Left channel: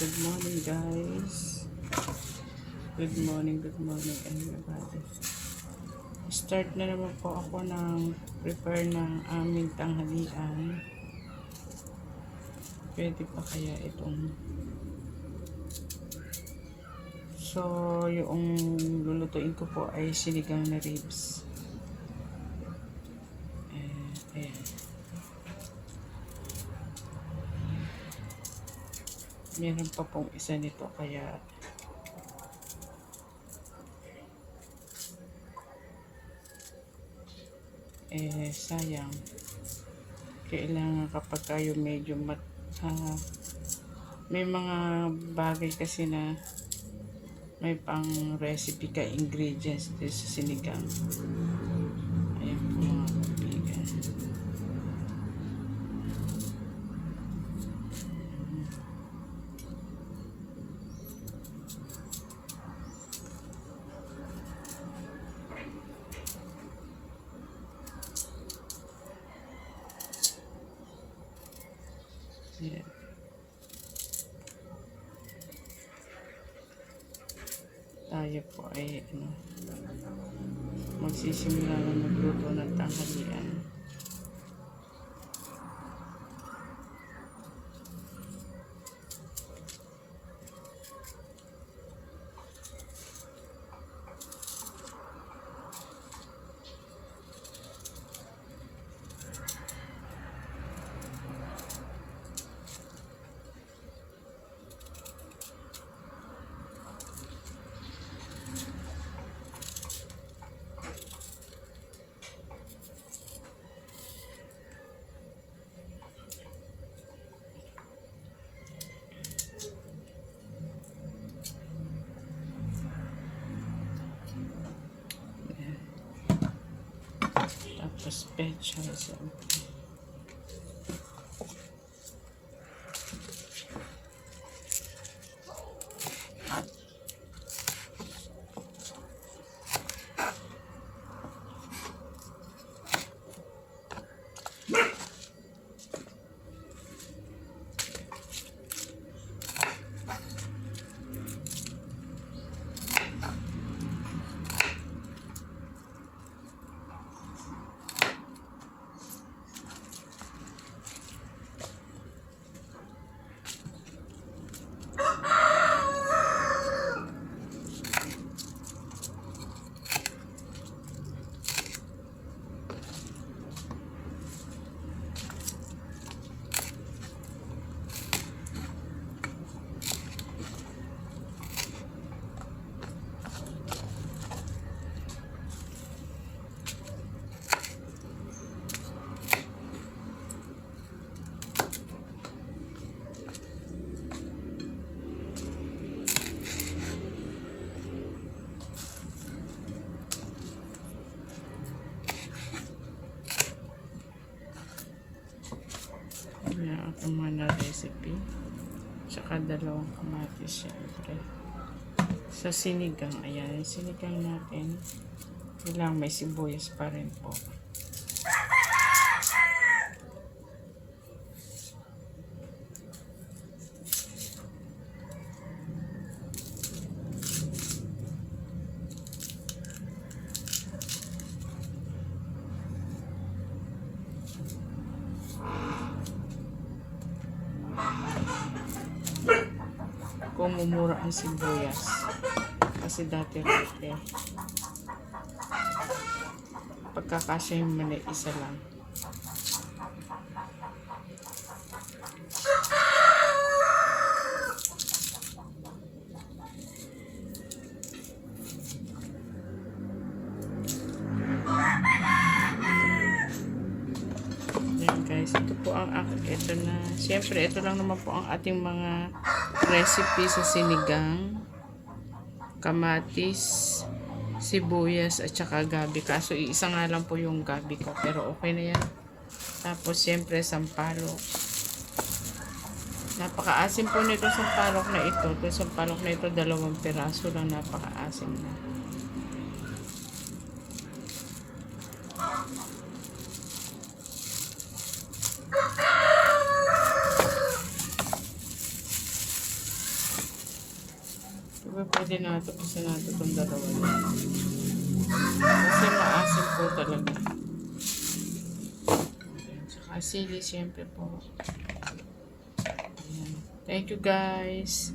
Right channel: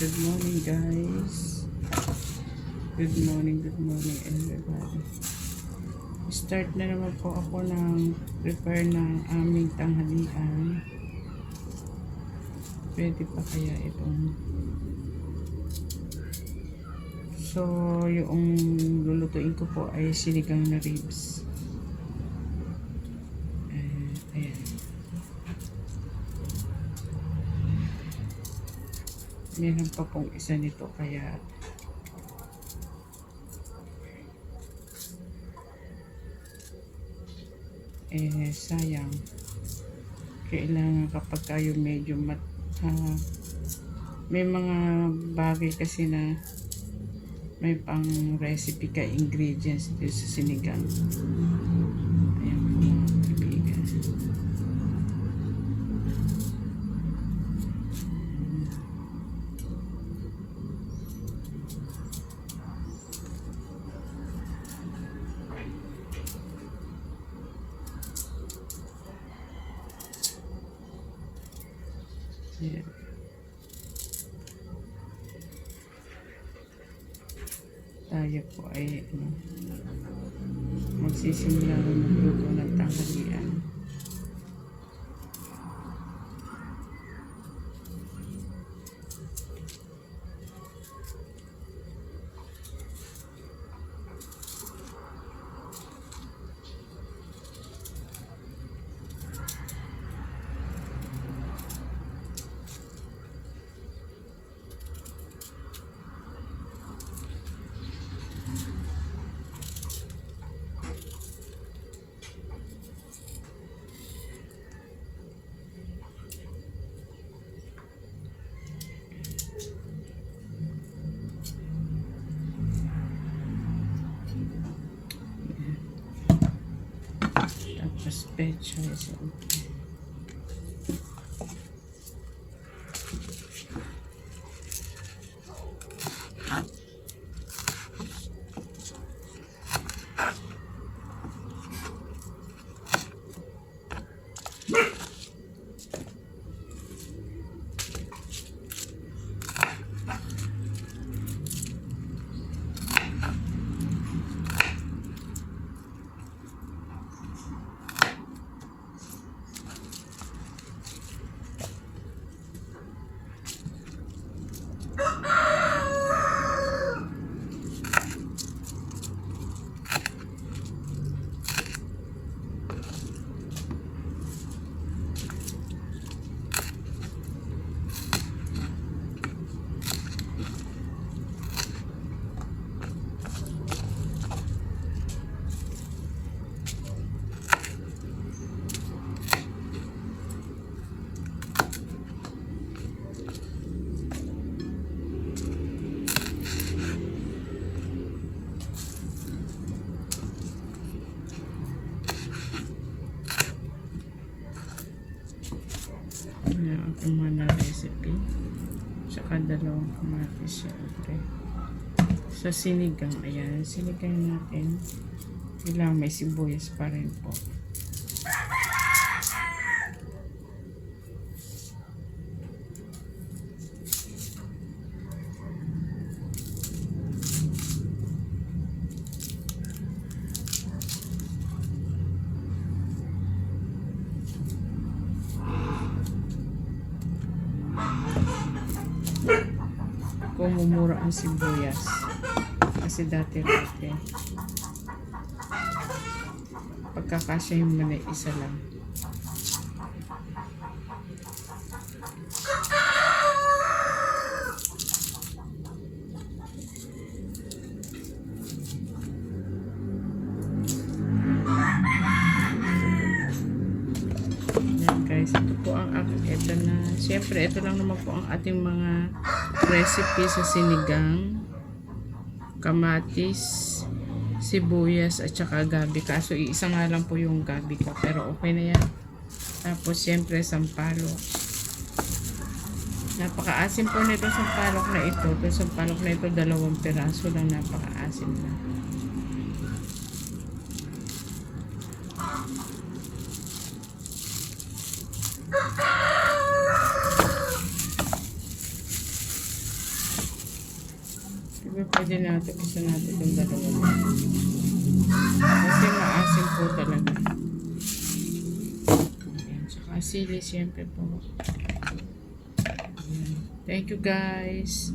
Good morning guys. Good morning everybody. Start na naman po ako ng prepare ng aming tanghalian. Pwede pa kaya itong so yung lulutuin ko po ay sinigang na ribs. Ayan. Meron pa pong isa nito kaya sayang. Kailangan kapag tayo medyo may mga bagay kasi na may pang recipe ka ingredients dito sa sinigang. Ayan po mga kaibigan. Ayan. Tayo po ay magsisimula na magluto ng tanghalian. Tapos pecha sa mga recipe tsaka dalawang kamatis syempre sa sinigang. Ayan, sinigang natin kailangan may sibuyas pa rin po. Mumura ang sibuyas kasi dati rate pagkakasya yung mali isa lang. Yan guys, ito po ang ito na syempre ito lang naman po ang ating mga recipe sa sinigang, kamatis, sibuyas at saka gabi. Kaso isa nga lang po yung gabi ko pero okay na yan. Tapos siyempre sampalok. Napakaasim po nito sampalok na ito. Ito sampalok na ito 2 piraso lang, napakaasim na. Diba pwede natin, isa natin itong dalawa lang. Kasi maasim po talaga. Ayan. Saka sili, syempre po. Ayan. Thank you guys.